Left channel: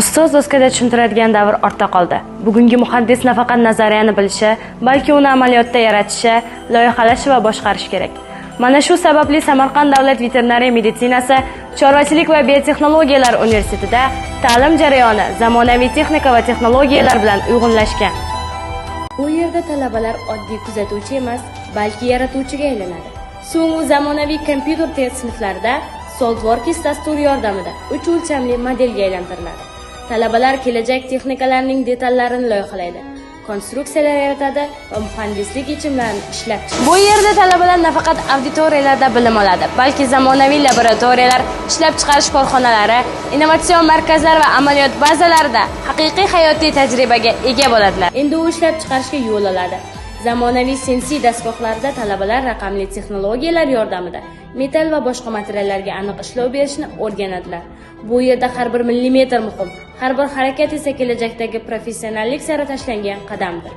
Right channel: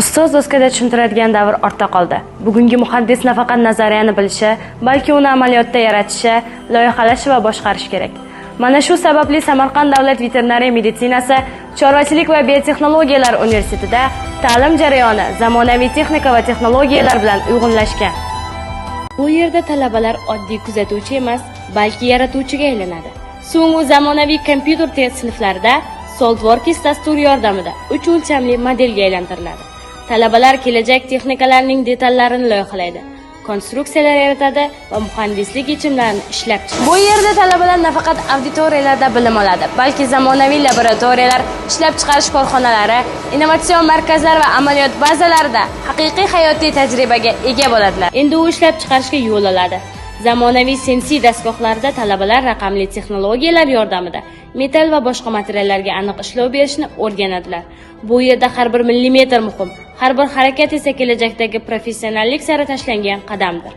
Ustoz doskada tushuntiradigan davr ortda qoldi. Bugungi muhandis nafaqat nazariyani bilishi, balki uni amaliyotda yaratishi, loyihalashi va boshqarishi kerak. Mana shu sababli Samarqand davlat veterinariya meditsinasi chorvachilik va biotexnologiyalar universitetida ta'lim jarayoni zamonaviy texnika va texnologiyalar bilan uyg'unlashgan. Bu yerda talabalar oddiy kuzatuvchi emas, balki yaratuvchiga aylanadi. So'ng u zamonaviy kompyuter test sinflarida SolidWorks dasturi yordamida 3 o'lchamli modelga aylantiriladi. Talabalar kelajak texnikalarining detallarini loyihalaydi, konstruksiyalar yaratadi va muhandislik yechimlarini ishlab chiqadi. Bu yerda talabalar nafaqat auditoriyalarda bilim oladi, balki zamonaviy laboratoriyalar, ishlab chiqarish korxonalari, innovatsion markazlar va amaliyot bazalarida haqiqiy hayotiy tajribaga ega bo'ladilar. Endi u ishlab chiqarishga yo'l oladi. Zamonaviy sensiy dastgohlarda talabalar raqamli texnologiyalar yordamida metall va boshqa materiallarga aniq ishlov berishni o'rganadilar. Bu yerda har bir millimetr muhim, har bir harakat esa kelajakdagi professionallik sari tashlangan qadamdir.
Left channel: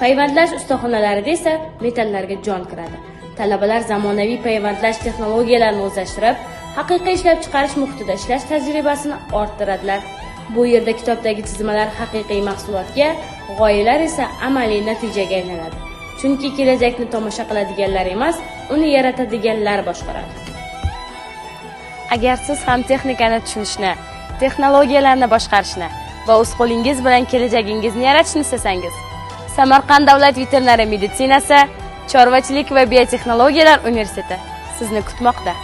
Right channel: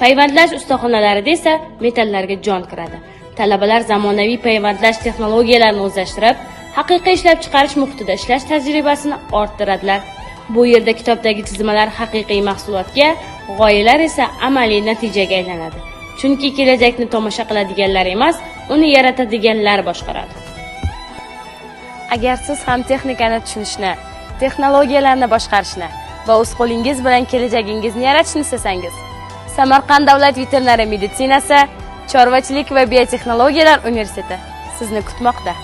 Payvandlash ustaxonalarida esa metallarga jon kiradi. Talabalar zamonaviy payvandlash texnologiyalarini o'zlashtirib, haqiqiy ishlab chiqarish muhitida ishlash tajribasini orttiradilar. Bu yerda kitobdagi chizmalar haqiqiy mahsulotga, g'oyalar esa amaliy natijaga aylanadi. Chunki kelajakni tomosha qiladiganlar emas, uni yaratadiganlar boshqaradi. Agar siz ham texnikani tushunishni, texnologiyalarni boshqarishni va o'z qo'lingiz bilan kelajagingizni yaratishni istasangiz, Samarqand davlat veterinariya meditsinasi, chorvachilik va biotexnologiyalar universiteti sizni kutmoqda.